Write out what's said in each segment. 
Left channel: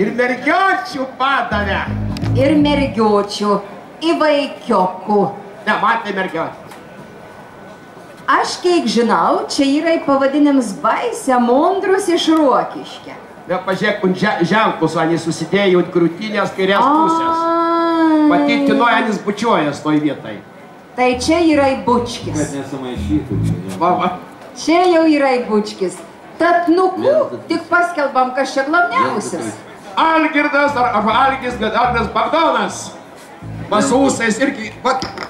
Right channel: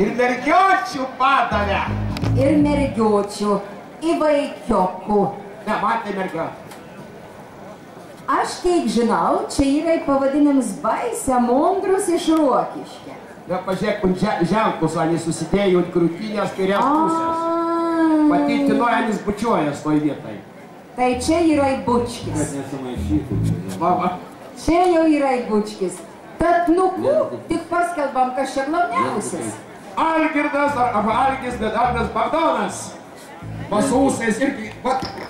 Ir mergiočių padavė. Ir mergiočių, į vaikiokų. Ne, man tai mergiotė. Aš kiek žinau, čia yra pavadinimas Baisia Mondrus iš Rokiškio. Ne, pažiūrėk, ženklus, anis susidėjo ant krūtinės kairės pusės. Patitinoja, anis bučiuojas toj vietai. Tai čia yra Bučkis. Kad nesamaišytų. Čia jau yra Bučkis. Tad nuku, tik paskelbam, kas čia glavniausias. Algirdas arba Algis, bet Algirdas Bagdonas. Va su ūsais irgi,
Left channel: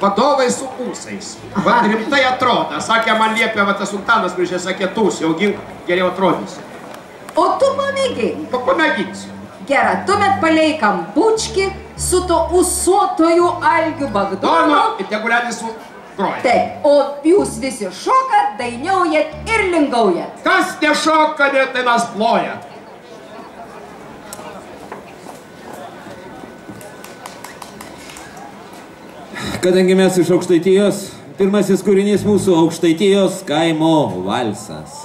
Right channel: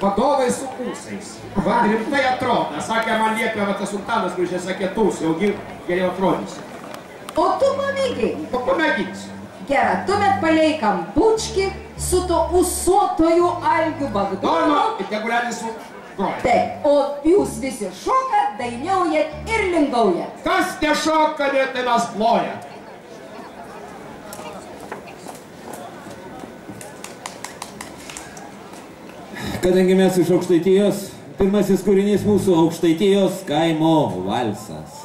vadovai su ūsais. Va rimtai atrodo. Sakė, man liepė, va tas sultanas, kuris čia sakė, tūs, jau geriau atrodysi. O tu pamėgink. Pamėginsiu. Gera, tuomet paleikam Bučkį su to ūsuotoju Algiu Bagdonu. Ir tegulėtis su groja. Taip, o jūs visi šokat, dainiaujat ir lingaujat. Kas nešoka, tai mes plojat. Kadangi mes iš Aukštaitijos, pirmasis kūrinys mūsų Aukštaitijos kaimo valsas.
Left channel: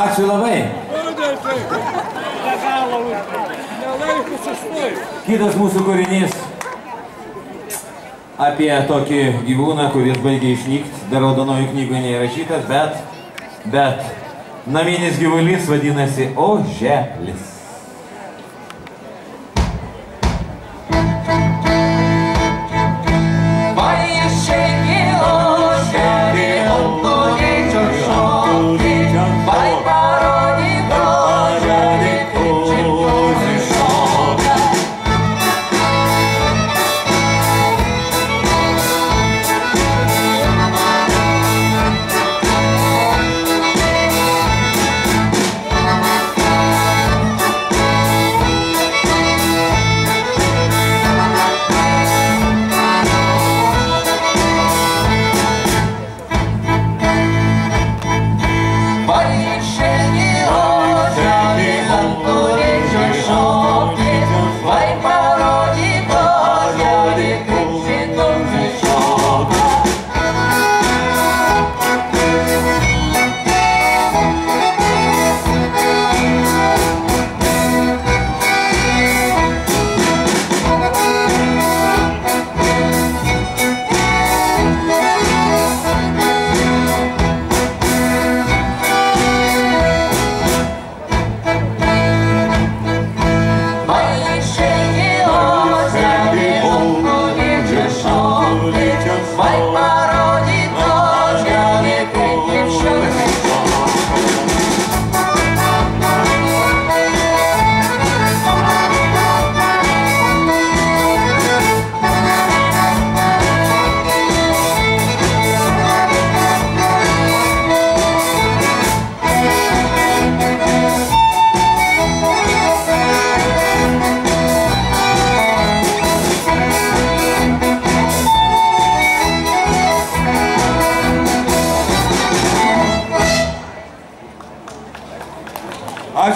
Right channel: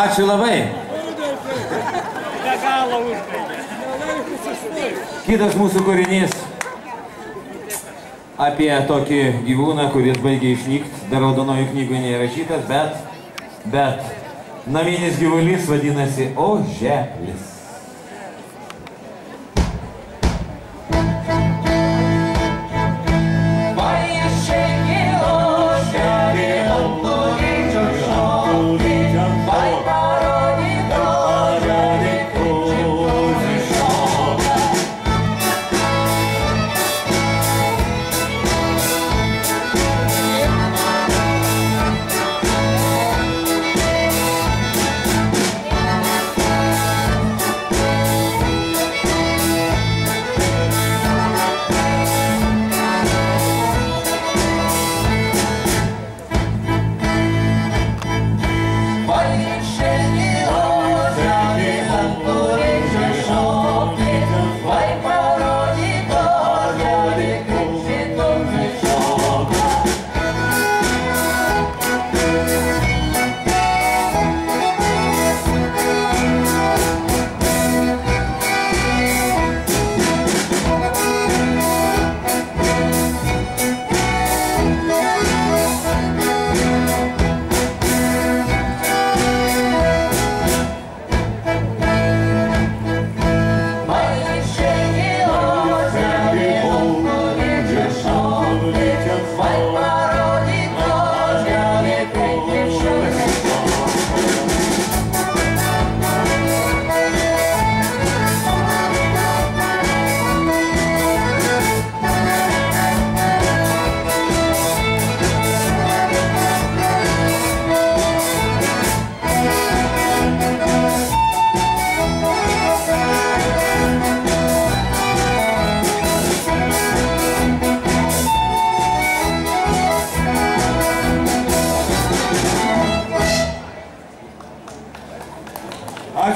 Ačiū labai. Kitas mūsų kūrinys apie tokį gyvūną, kuris baigė išnykti, dar raudonojų knygoje neįrašytas, bet naminis gyvulys vadinasi oželis.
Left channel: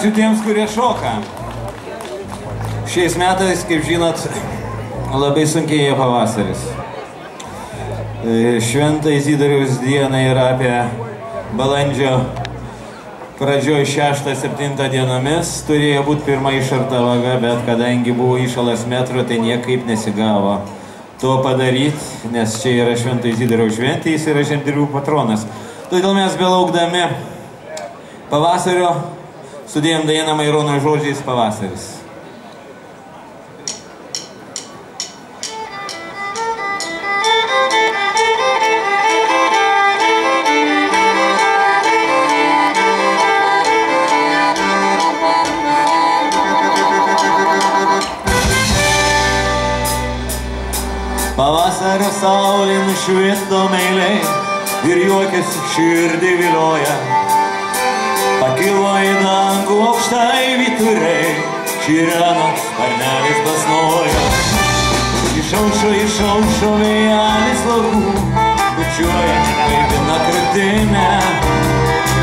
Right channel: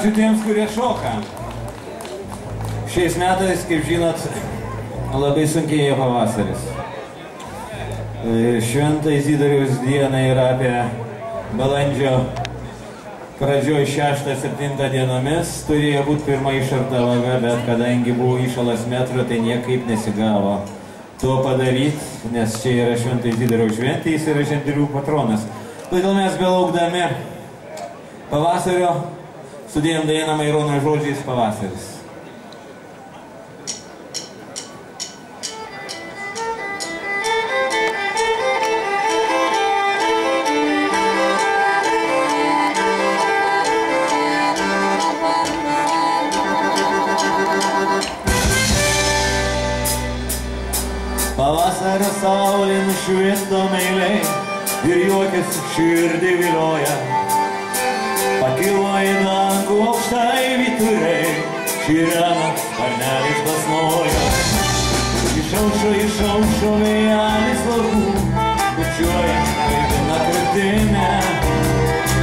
ačiū tiems, kurie šoka. Šiais metais, kaip žinot, labai sunkėja pavasaris. Švento Izidoriaus diena yra apie balandžio pradžioj 6-7 dienomis. Turėjo būti pirma išarta vaga, bet kadangi buvo įšalas metro, tai niekaip nesigavo to padaryti, nes čia yra Švento Izidoriaus šventė, jis yra žemdirbių patronas. Todėl mes belaukdami pavasario sudėjom dainą Maironio žodžiais Pavasaris. Pavasario saulė nušvisto meiliai ir juokės širdį vilioja. Pakilo į dangų aukštai vyturiai, širena sparnelis basnoja. Išaušo vėjelis laukų, bučiuoja gaivina krūtinę.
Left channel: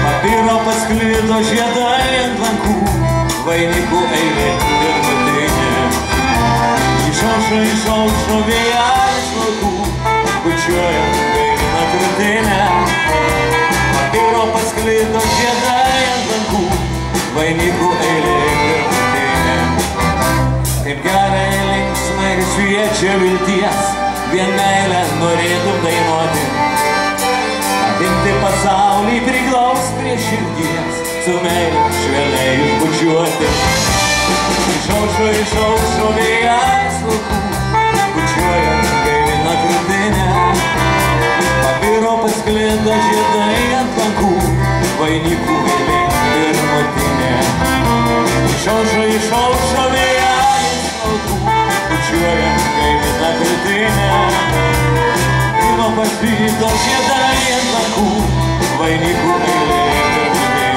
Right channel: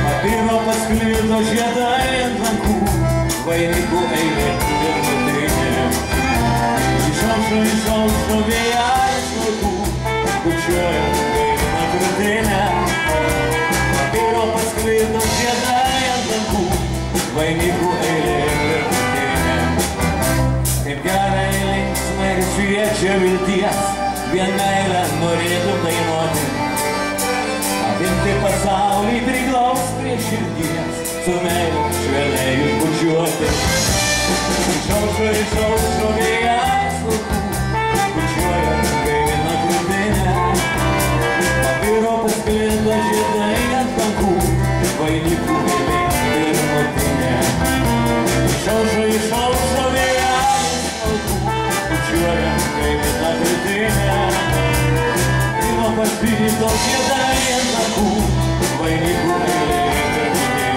Papiro pasklido žiedai ant lankų, vainikų eilė ir nutinė. Išaušo vėjelis laukų, bučiuoja gaivina krūtinę. Papiro pasklido žiedai ant lankų, vainikų eilė ir nutinė. Kaip gerai linksmai šviečia vilties, vien meilę norėtum dainuoti. Apimti pasaulį priglaus prie širdies, su meilė švelniai išbučiuoti. Išaušo vėjelis laukų, bučiuoja gaivina krūtinę. Papiro pasklido žiedai ant lankų, vainikų eilė ir nutinė. Išaušo vėjelis laukų, bučiuoja gaivina krūtinę. Papiro pasklido žiedai ant lankų, vainikų eilė ir nutinė.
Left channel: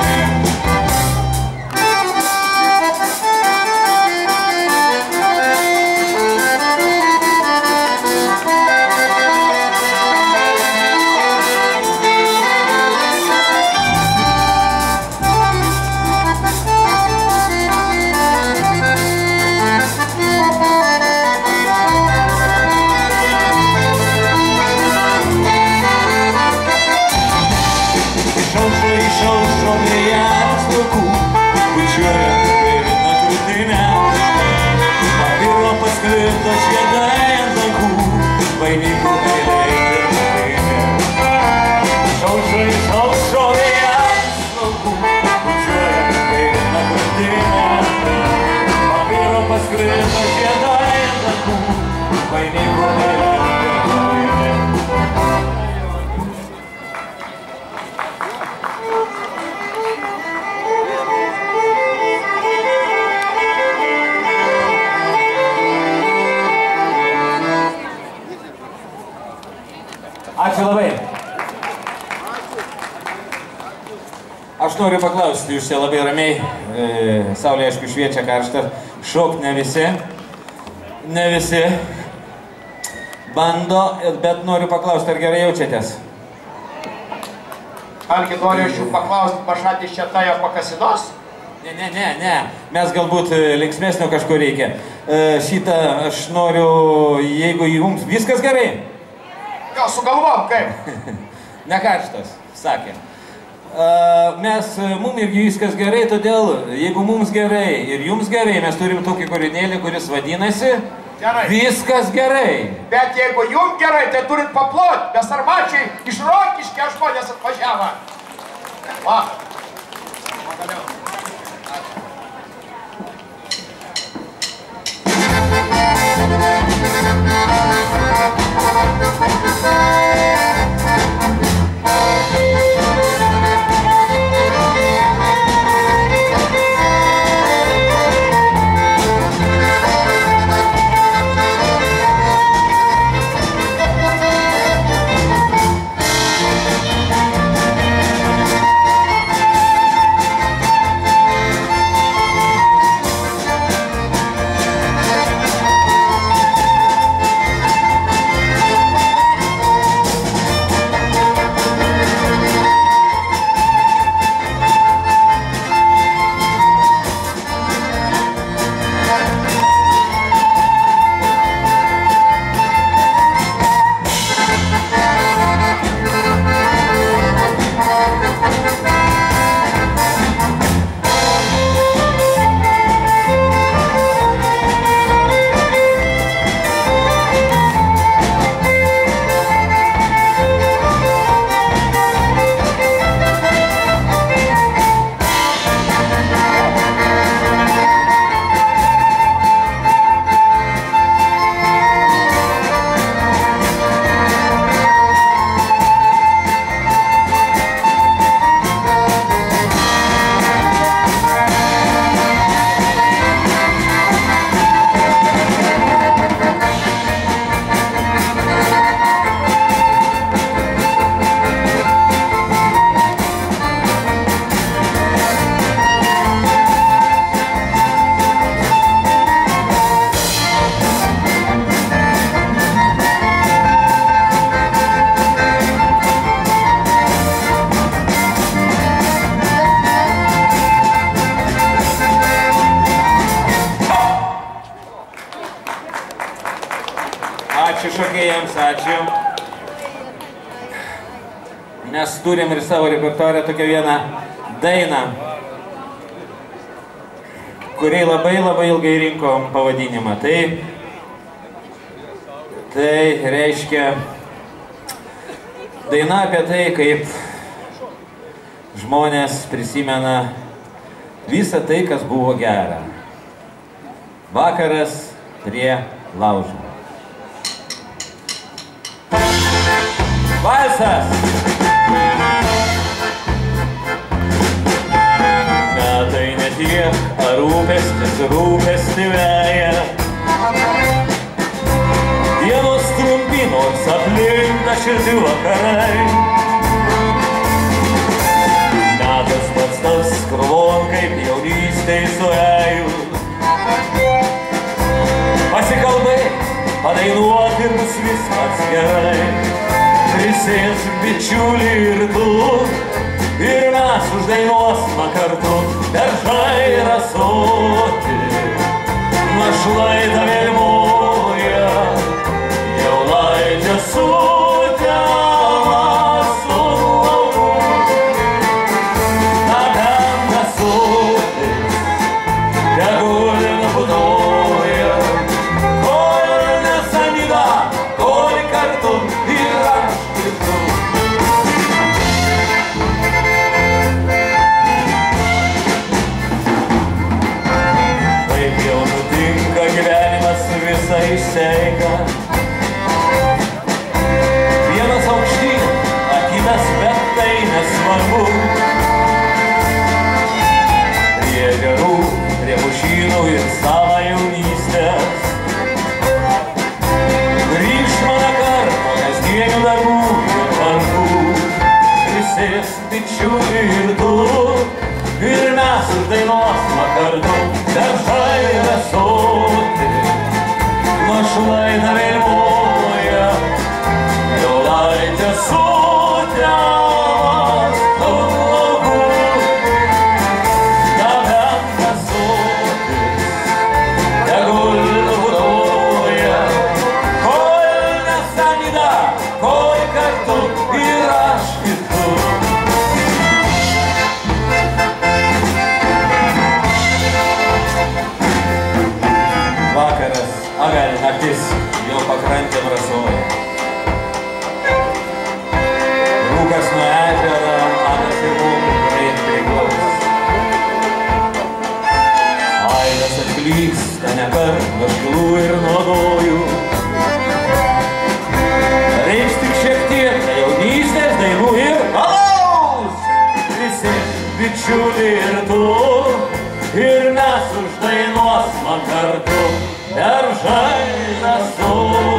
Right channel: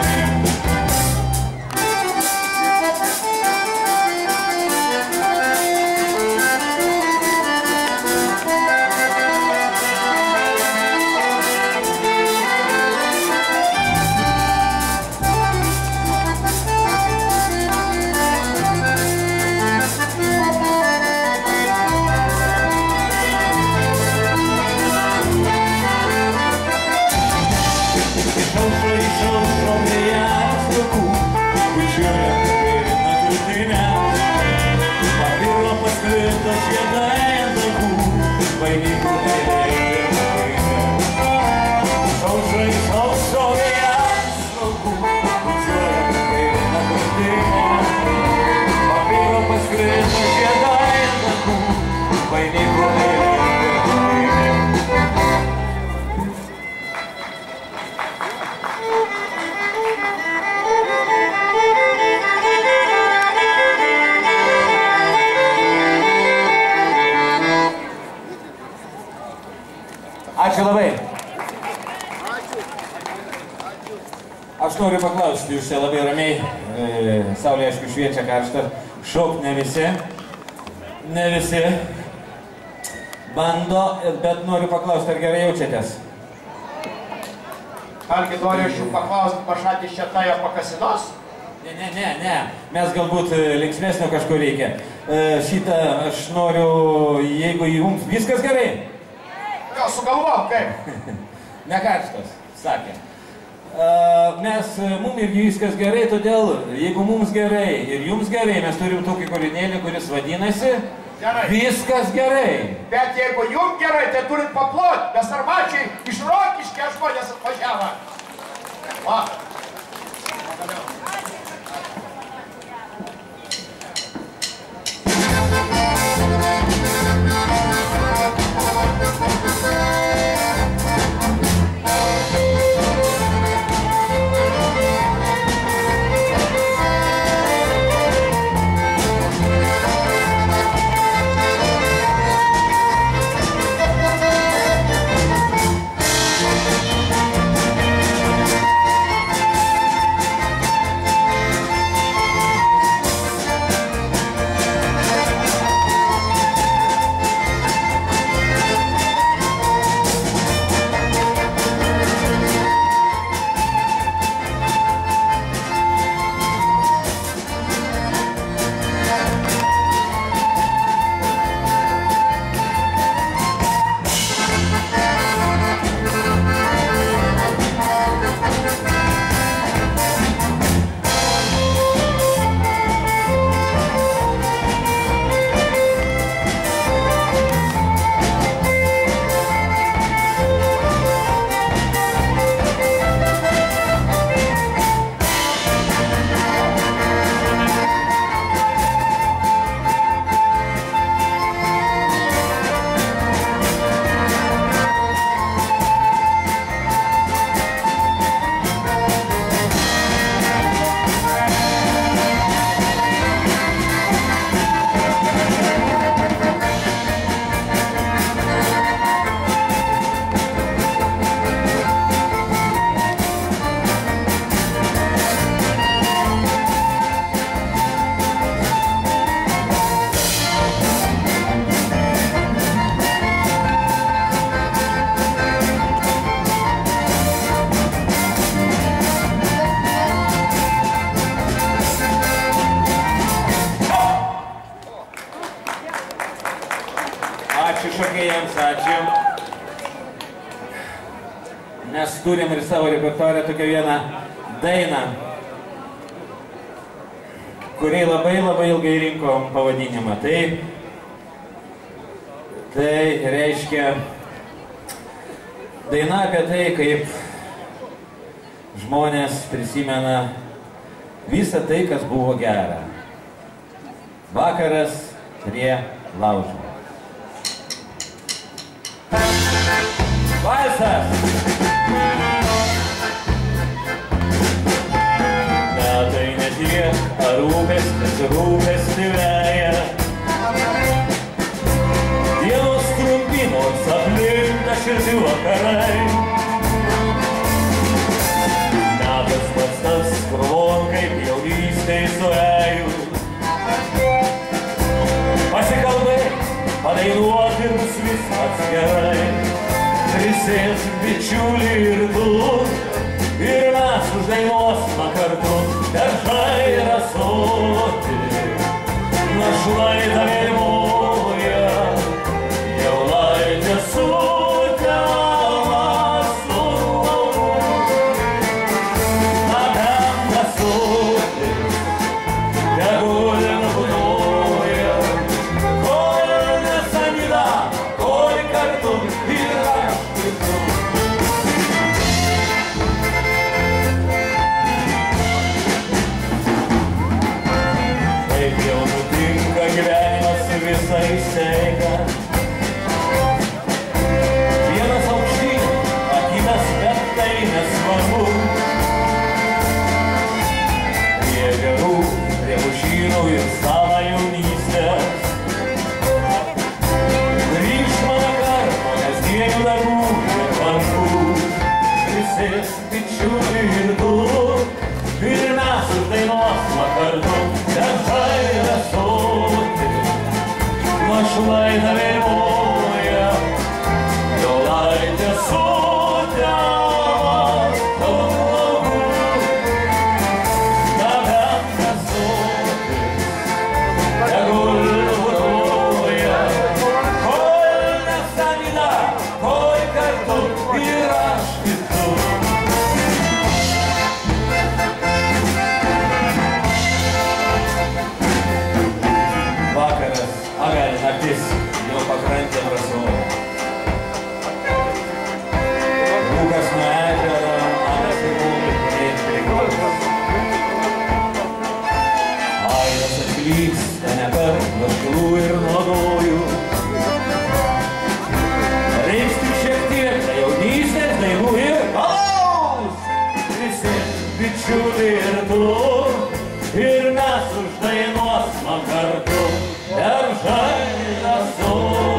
Ačiū labai. Aš noriu paklausti, jūs čia labai ramiai, saulė aišku šviečia karštą, šokt ne visi bando, bet noriu paklausti, ar gerai jaučiatės? Algi, noriu aš jų paklausti, pašatys čia tajo pakasinos? Ne, mes galbūt linksmesnio kažko reikia. Šitą aš noriu, jeigu jums viskas gerai? Jo, sugalvom, kaip? Ne karštas, sakė. Mum irgi viskas gerai, todėl jeigu mums gerai ir jums gerai, mes turim tokį kūrinėlį, kuris vadinasi Gerai. Viskas gerai. Bet jeigu jums gerai, tai turit paplot, nes armačiai iš Rokiškio žmonės atvažiavo. Va. mes turim ir savo repertuarę tokią vieną dainą, kuriai labai ilgai rinkom pavadinimą. Tai reiškia daina apie tai, kaip žmonės prisimena visą tai, kas buvo gera. Vakaras prie laužo. Valsas! Metai ne tiek, ar rūpestį veja. Dienos trumpinos aplinka šilti vakarai. Metas pats tas krūvon, kaip jaunystėj suėjų. Pasikalbėk, padainuok ir bus viskas gerai. Prisės bičiulį ir tu, ir mes uždainuosime kartu. Beržai ir ąsotį, našlaitą vėlmoja, jaulaitė sutelma su lauku. Na ten ąsotis, tegul nubudoja, kol nesanida, kol kartu ir aš ir tu. Taip jau nutinka gyvenimas visą išseiga. Vienas aukštyn, kitas, bet tai nesvarbu. Prie gerų, prie pušynų ir savo jaunystės. Grįžt mano karto, kasdienių darbų ir vargų. Prisės bičiulį ir tu, ir mes uždainuosime kartu. Beržai ir ąsotį, našlaitą vėlmoja, jaulaitė sutelma su lauku. Na bent ąsotis, tegul nubudoja, kol nesanida, kol kartu ir aš ir tu. Vakaras, avel naktis, jau pakrantėm rasoja. Rūkas nuo ežero, manas ir mūmį greit priglaus. Aidas atklysta nekart nuo šilų ir nuodojų. Reiks tik šiek tiek jaunystės dainų ir alaus. Prisės bičiulį ir tu, ir mes uždainuosime kartu. Beržai ąsotį.